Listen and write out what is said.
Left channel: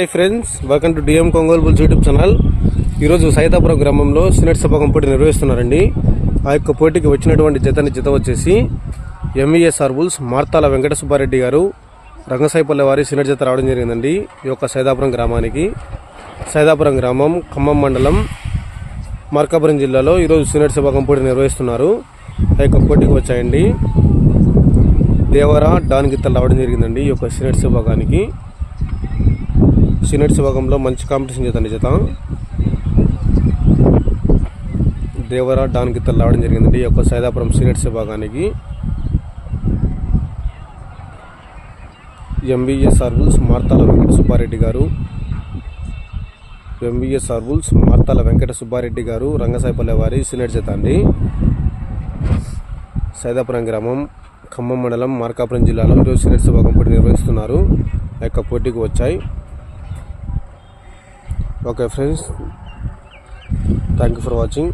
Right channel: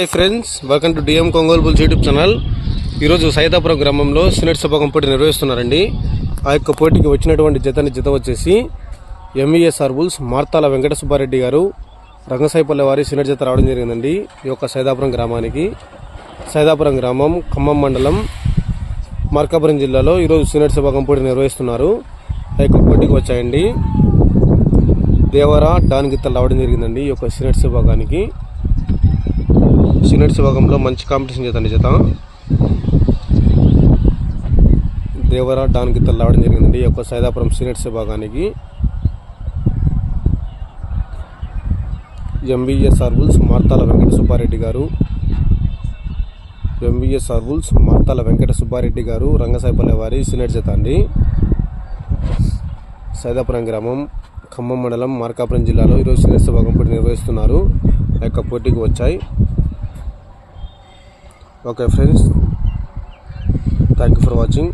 Hi friends, welcome to DM Ongole bulls YouTube channel. ఈరోజు సైదాపురం గ్రామంలో senior సభాగం పోటీ నిర్వహిస్తున్నారండి. ఆ యొక్క పోటీకి వచ్చినటువంటి జత వచ్చేసి ఎంవీఎస్ఆర్ బుల్స్ మార్తాల వెంకట సుబ్బారెడ్డి గారు రంగసాయిపల్లె వారి సీనియర్ జత రావడం జరిగిందండి. ఈ యొక్క సైదాపురం గ్రామానికి. సైదాపురం గ్రామం ఖమ్మం మండలం మార్కాపురం జిల్లాలో ఈరోజు సీనియర్ సభాగం పోటీ నిర్వహిస్తున్నారు. ఆ యొక్క పోటీకి వచ్చాయండి దేవరా డాన్ గిత్తలు రావడం జరిగిందండి. ఈ యొక్క సీనియర్ విభాగానికి. సీనియర్స్ విభాగంలో మంచి కాంపిటీషన్ జత దేవరా డాన్ గిత్తలు రావడం జరిగిందండి. ఈ యొక్క సైదాపురం సీనియర్స్ విభాగానికి. ఎంవీఎస్ఆర్ బుల్స్ మార్తాల వెంకట సుబ్బారెడ్డి గారు ఎంవీఎస్ఆర్ బుల్స్ మార్తాల వెంకట సుబ్బారెడ్డి గారు రంగసాయిపల్లె వారి సీనియర్ జత అండి. సైదాపురం గ్రామం ఖమ్మం మండలం మార్కాపురం జిల్లాలో ఈరోజు సీనియర్స్ విభాగం పోటీ నిర్వహిస్తున్నారు. ఆ యొక్క పోటీకి వచ్చాయి. Okay friends, thank you for watching.